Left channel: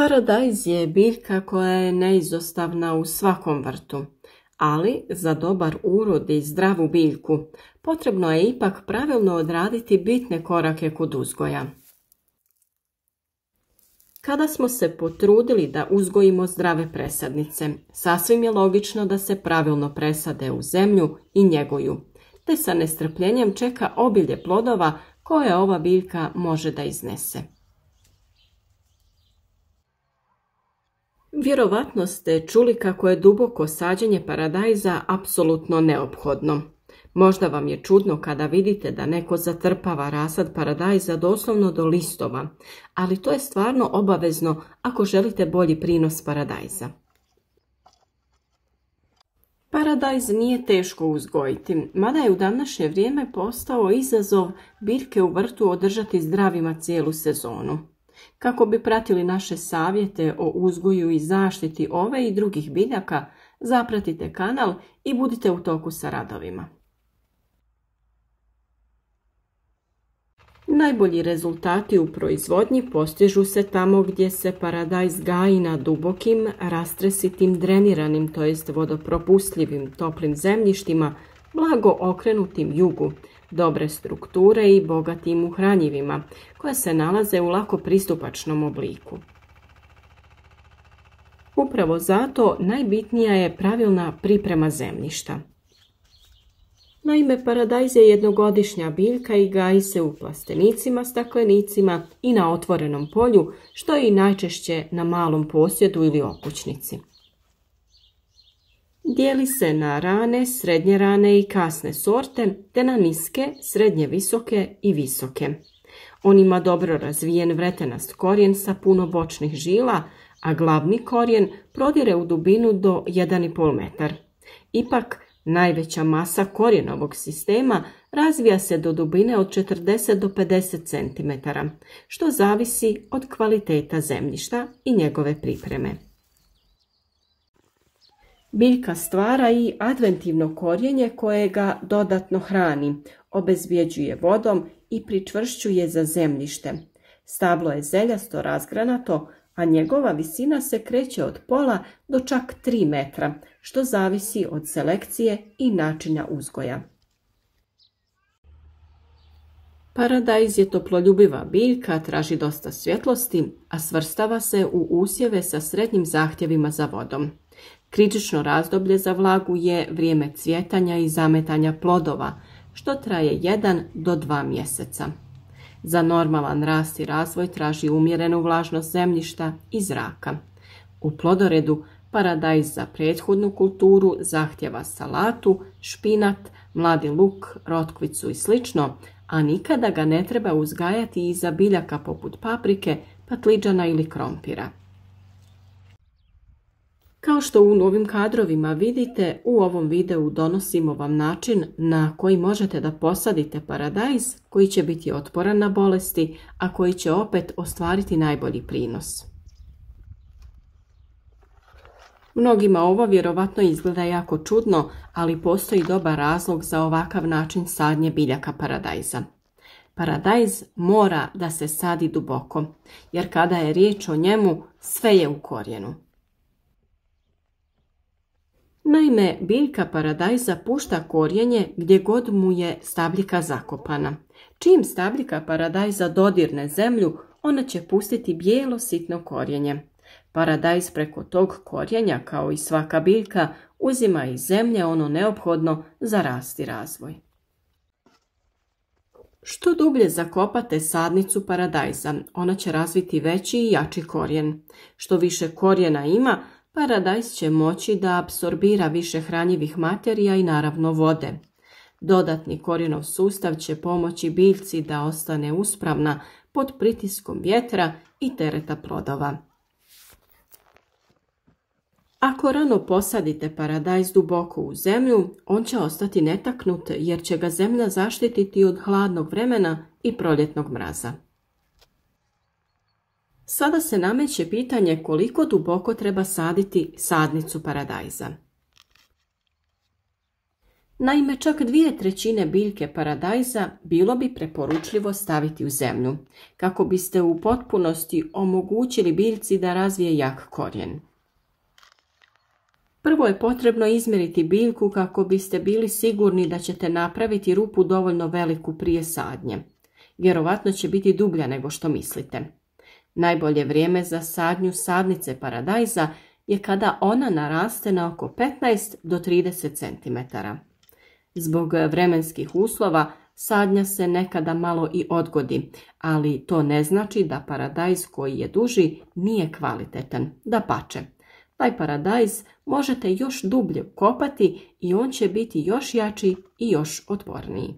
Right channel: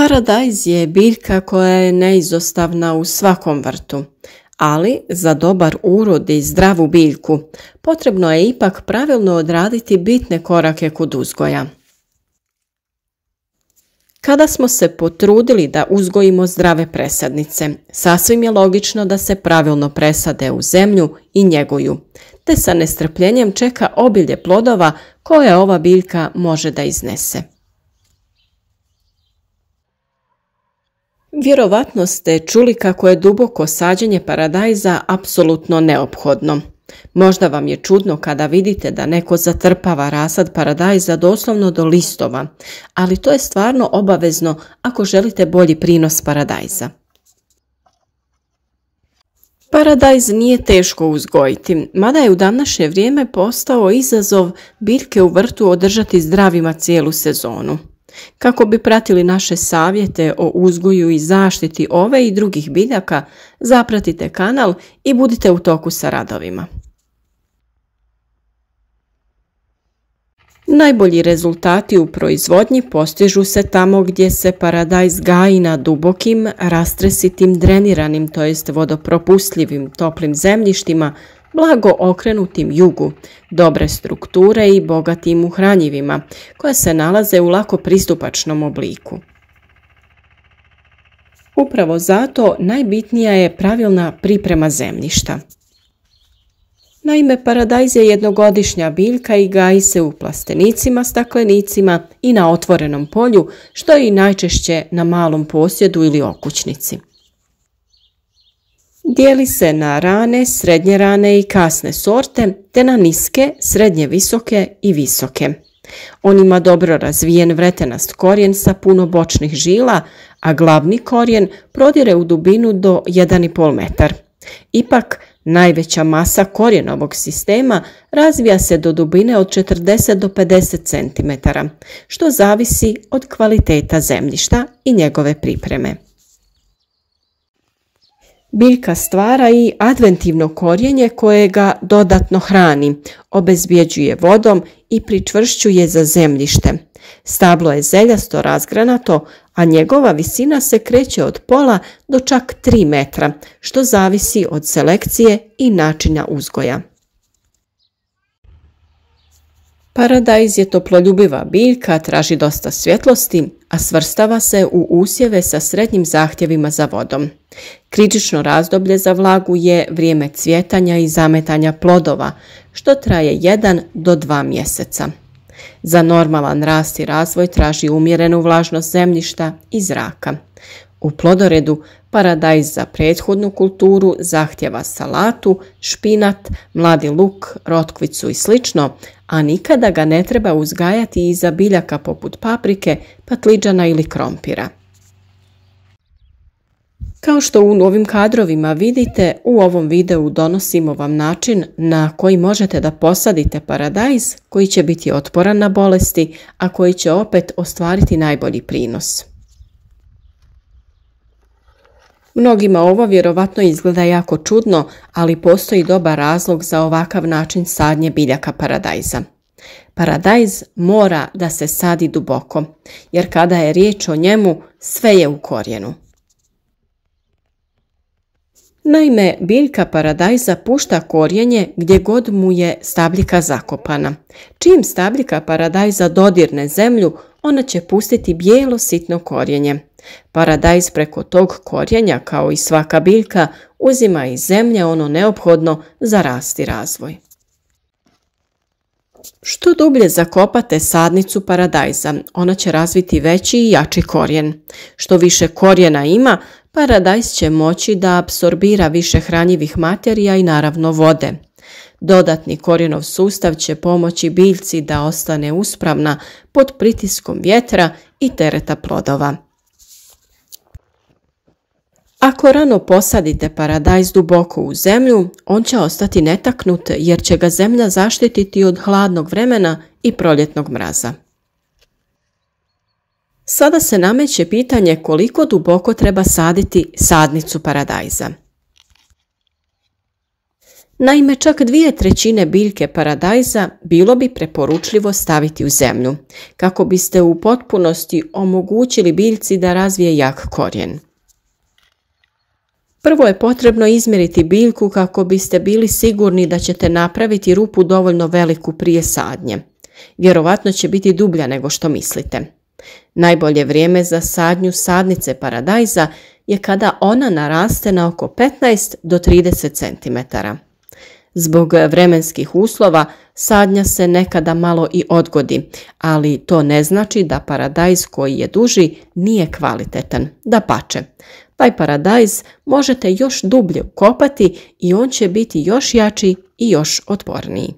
Paradajz je biljka koja je neizostavna u svakom vrtu, ali za dobar urod i zdravu biljku potrebno je ipak pravilno odraditi bitne korake kod uzgoja. Kada smo se potrudili da uzgojimo zdrave presadnice, sasvim je logično da se pravilno presade u zemlju i njeguju, te sa nestrpljenjem čeka obilje plodova koje ova biljka može da iznese. Vjerovatno ste čuli kako je duboko sađenje paradajza apsolutno neophodno. Možda vam je čudno kada vidite da neko zatrpava rasad paradajza doslovno do listova, ali to je stvarno obavezno ako želite bolji prinos paradajza. Paradajz nije teško uzgojiti, mada je u današnje vrijeme postao izazov biljke u vrtu održati zdravima cijelu sezonu. Kako bi pratili naše savjete o uzgoju i zaštiti ove i drugih biljaka, zapratite kanal i budite u toku sa radovima. Najbolji rezultati u proizvodnji postižu se tamo gdje se paradajz gaji na dubokim, rastresitim, dreniranim, to jest vodopropustljivim toplim zemljištima, blago okrenutim jugu, dobre strukture i bogatim u hranjivima, koje se nalaze u lako pristupačnom obliku. Upravo zato najbitnija je pravilna priprema zemljišta. Naime, paradajz je jednogodišnja biljka i gaji se u plastenicima, staklenicima i na otvorenom polju, što je i najčešće na malom posjedu ili okućnici. Dijeli se na rane, srednje rane i kasne sorte, te na niske, srednje visoke i visoke. On ima dobro razvijen vretenast korijen sa puno bočnih žila, a glavni korijen prodire u dubinu do 1,5 metar. Ipak, najveća masa korijenovog sistema razvija se do dubine od 40 do 50 cm, što zavisi od kvaliteta zemljišta i njegove pripreme. Biljka stvara i adventivno korijenje koje ga dodatno hrani, obezbjeđuje vodom i pričvršćuje za zemljište. Stablo je zeljasto razgranato, a njegova visina se kreće od pola do čak 3 metra, što zavisi od selekcije i načina uzgoja. Paradajz je toploljubiva biljka, traži dosta svjetlosti, a svrstava se u usjeve sa srednjim zahtjevima za vodom. Kritično razdoblje za vlagu je vrijeme cvjetanja i zametanja plodova, što traje 1 do 2 mjeseca. Za normalan rast i razvoj traži umjerenu vlažnost zemljišta i zraka. U plodoredu paradajz za prethodnu kulturu zahtjeva salatu, špinat, mladi luk, rotkvicu i sl., a nikada ga ne treba uzgajati iza biljaka poput paprike, patliđana ili krompira. Kao što u ovim kadrovima vidite, u ovom videu donosimo vam način na koji možete da posadite paradajz koji će biti otporan na bolesti, a koji će opet ostvariti najbolji prinos. Mnogima ovo vjerovatno izgleda jako čudno, ali postoji dobar razlog za ovakav način sadnje biljaka paradajza. Paradajz mora da se sadi duboko, jer kada je riječ o njemu, sve je u korijenu. Naime, biljka paradajza pušta korijenje gdje god mu je stabljika zakopana. Čim stabljika paradajza dodirne zemlju, ona će pustiti bijelo sitno korijenje. Paradajz preko tog korijenja, kao i svaka biljka, uzima iz zemlje ono neophodno za rast i razvoj. Što dublje zakopate sadnicu paradajza, ona će razviti veći i jači korijen. Što više korijena ima, paradajz će moći da apsorbira više hranjivih materija i naravno vode. Dodatni korijenov sustav će pomoći biljci da ostane uspravna pod pritiskom vjetra i tereta plodova. Ako rano posadite paradajz duboko u zemlju, on će ostati netaknut jer će ga zemlja zaštititi od hladnog vremena i proljetnog mraza. Sada se nameće pitanje koliko duboko treba saditi sadnicu paradajza. Naime, čak 2/3 biljke paradajza bilo bi preporučljivo staviti u zemlju, kako biste u potpunosti omogućili biljci da razvije jak korijen. Prvo je potrebno izmjeriti biljku kako biste bili sigurni da ćete napraviti rupu dovoljno veliku prije sadnje. Vjerovatno će biti dublja nego što mislite. Najbolje vrijeme za sadnju sadnice paradajza je kada ona naraste na oko 15 do 30 cm. Zbog vremenskih uslova sadnja se nekada malo i odgodi, ali to ne znači da paradajz koji je duži nije kvalitetan. Dapače, taj paradajz možete još dublje ukopati i on će biti još jači i još otporniji.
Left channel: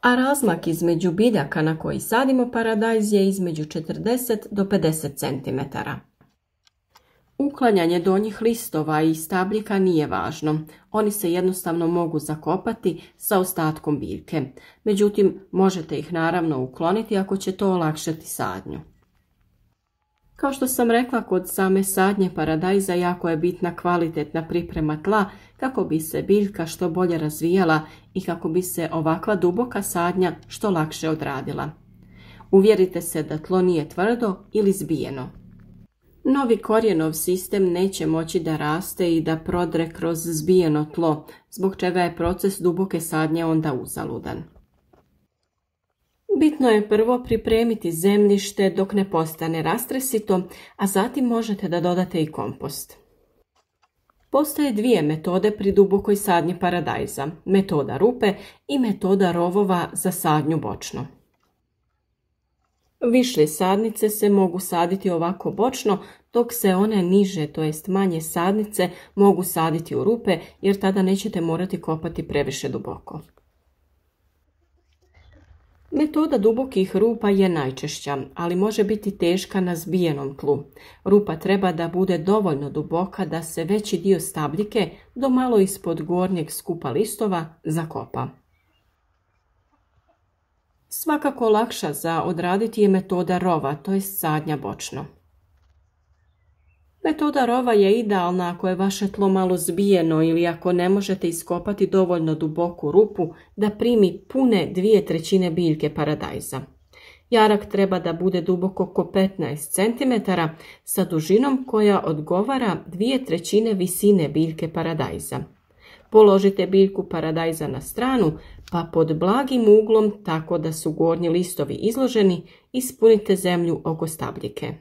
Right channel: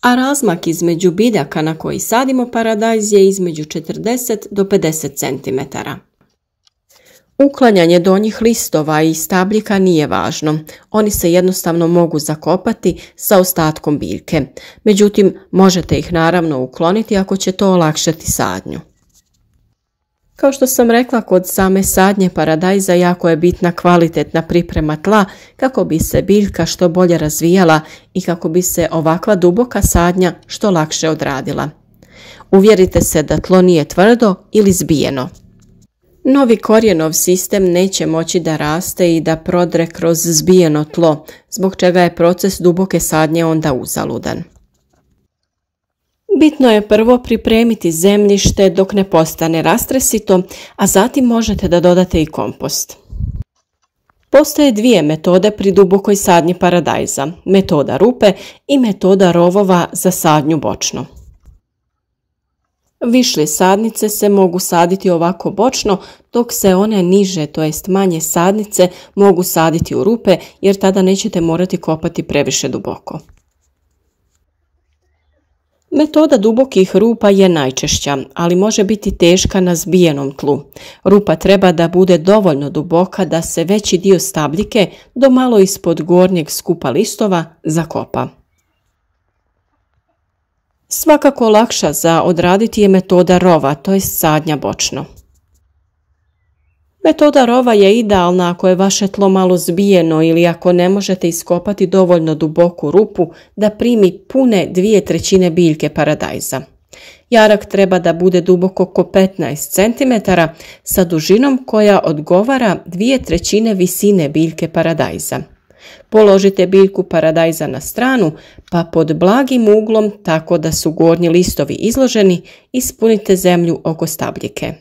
A razmak između biljaka na koji sadimo paradajz je između 40 do 50 cm. Uklanjanje donjih listova i stabljika nije važno. Oni se jednostavno mogu zakopati sa ostatkom biljke. Međutim, možete ih naravno ukloniti ako će to olakšati sadnju. Kao što sam rekla, kod same sadnje paradajza jako je bitna kvalitetna priprema tla kako bi se biljka što bolje razvijala i kako bi se ovakva duboka sadnja što lakše odradila. Uvjerite se da tlo nije tvrdo ili zbijeno. Novi korijenov sistem neće moći da raste i da prodre kroz zbijeno tlo, zbog čega je proces duboke sadnje onda uzaludan. Bitno je prvo pripremiti zemljište dok ne postane rastresito, a zatim možete da dodate i kompost. Postoje dvije metode pri dubokoj sadnji paradajza, metoda rupe i metoda rovova za sadnju bočno. Višlje sadnice se mogu saditi ovako bočno, dok se one niže, to jest manje sadnice, mogu saditi u rupe jer tada nećete morati kopati previše duboko. Metoda dubokih rupa je najčešća, ali može biti teška na zbijenom tlu. Rupa treba da bude dovoljno duboka da se veći dio stabljike do malo ispod gornjeg skupa listova zakopa. Svakako lakša za odraditi je metoda rova, to je sadnja bočno. Metoda rova je idealna ako je vaše tlo malo zbijeno ili ako ne možete iskopati dovoljno duboku rupu da primi pune 2/3 biljke paradajza. Jarak treba da bude duboko oko 15 cm sa dužinom koja odgovara 2/3 visine biljke paradajza. Položite biljku paradajza na stranu pa pod blagim uglom tako da su gornji listovi izloženi ispunite zemlju oko stabljike.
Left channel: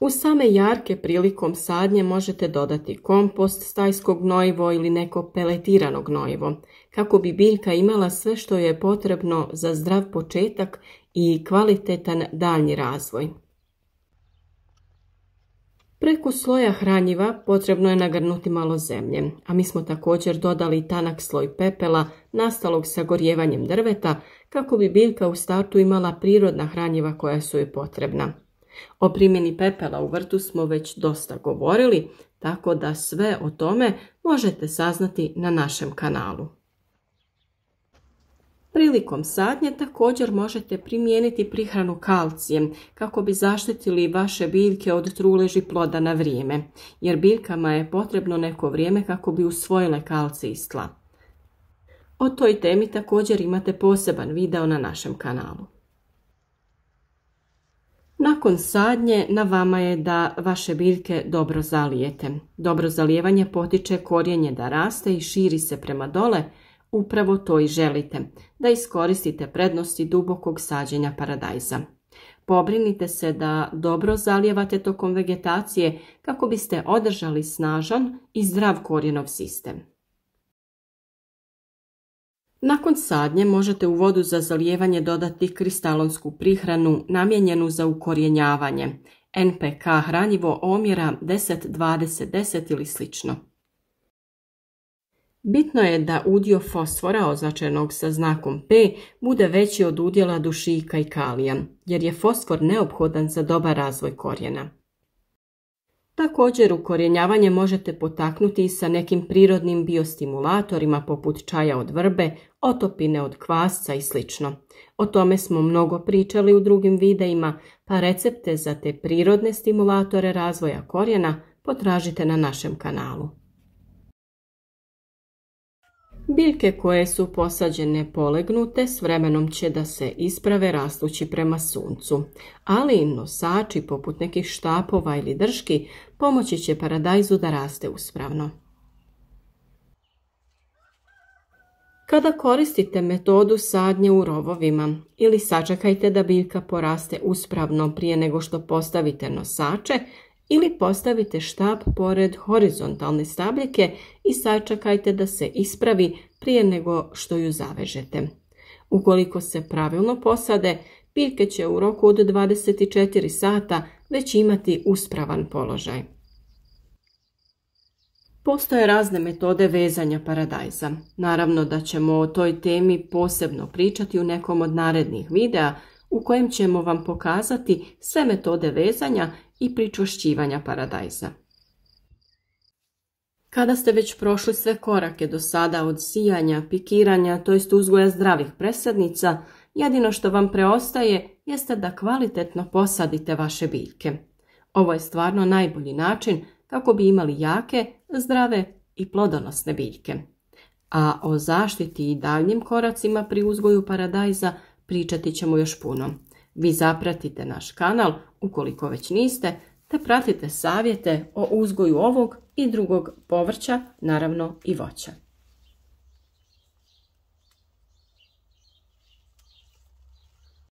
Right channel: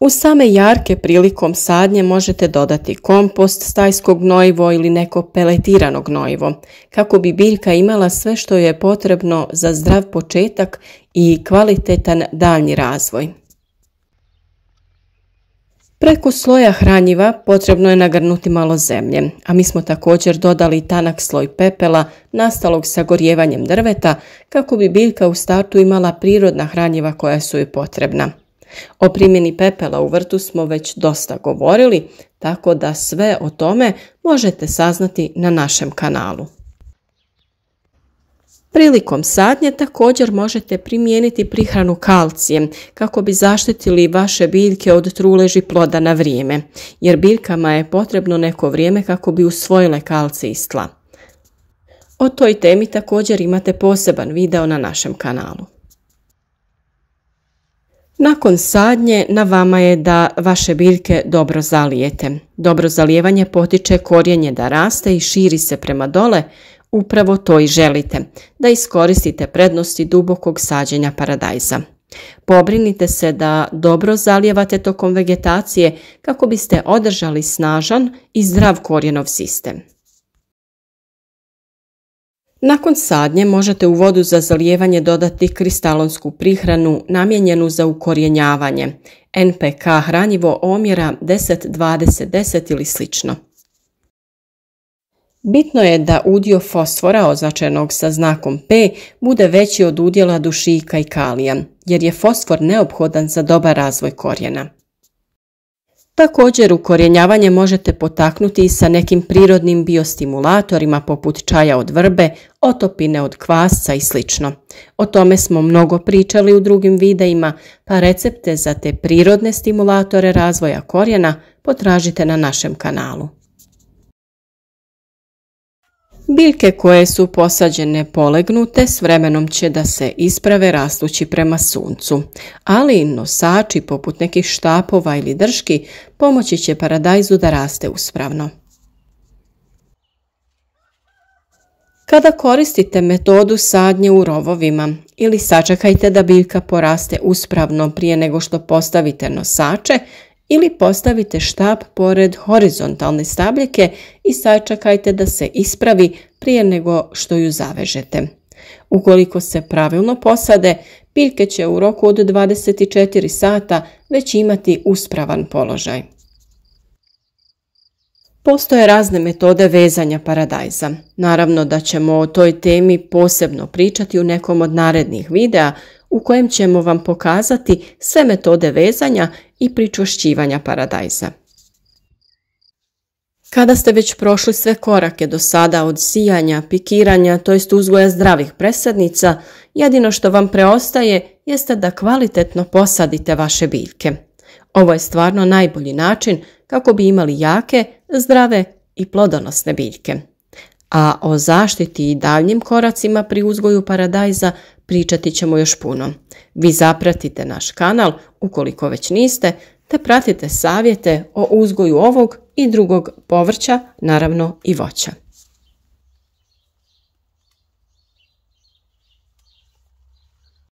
U same jarke prilikom sadnje možete dodati kompost, stajsko gnojivo ili neko peletirano gnojivo, kako bi biljka imala sve što je potrebno za zdrav početak i kvalitetan daljnji razvoj. Preko sloja hranjiva potrebno je nagrnuti malo zemlje, a mi smo također dodali tanak sloj pepela nastalog sagorjevanjem drveta kako bi biljka u startu imala prirodna hranjiva koja su joj potrebna. O primjeni pepela u vrtu smo već dosta govorili, tako da sve o tome možete saznati na našem kanalu. Prilikom sadnje također možete primijeniti prihranu kalcijem kako bi zaštitili vaše biljke od truleži ploda na vrijeme, jer biljkama je potrebno neko vrijeme kako bi usvojile kalcij iz tla. O toj temi također imate poseban video na našem kanalu. Nakon sadnje na vama je da vaše biljke dobro zalijete. Dobro zalijevanje potiče korijenje da raste i širi se prema dole. Upravo to i želite, da iskoristite prednosti dubokog sađenja paradajza. Pobrinite se da dobro zalijevate tokom vegetacije kako biste održali snažan i zdrav korijenov sistem. Nakon sadnje možete u vodu za zalijevanje dodati kristalonsku prihranu namijenjenu za ukorjenjavanje, NPK hranjivo omjera 10-20-10 ili slično. Bitno je da udio fosfora označenog sa znakom P bude veći od udjela dušika i kalija, jer je fosfor neophodan za dobar razvoj korijena. Također ukorjenjavanje možete potaknuti i sa nekim prirodnim biostimulatorima poput čaja od vrbe, otopine od kvasca i sl. O tome smo mnogo pričali u drugim videima, pa recepte za te prirodne stimulatore razvoja korijena potražite na našem kanalu. Biljke koje su posađene polegnute s vremenom će da se isprave rastući prema suncu, ali nosači poput nekih štapova ili drški pomoći će paradajzu da raste uspravno. Kada koristite metodu sadnje u rovovima ili sačekajte da biljka poraste uspravno prije nego što postavite nosače, ili postavite štap pored horizontalne stabljike i sačekajte da se ispravi prije nego što ju zavežete. Ukoliko se pravilno posade, biljke će u roku od 24 sata već imati uspravan položaj. Postoje razne metode vezanja paradajza. Naravno da ćemo o toj temi posebno pričati u nekom od narednih videa u kojem ćemo vam pokazati sve metode vezanja i pričvršćivanja paradajza. Kada ste već prošli sve korake do sada od sijanja, pikiranja, to jest uzgoja zdravih presadnica, jedino što vam preostaje jeste da kvalitetno posadite vaše biljke. Ovo je stvarno najbolji način kako bi imali jake, zdrave i plodonosne biljke. A o zaštiti i daljnjim koracima pri uzgoju paradajza pričati ćemo još puno. Vi zapratite naš kanal ukoliko već niste, te pratite savjete o uzgoju ovog i drugog povrća, naravno i voća.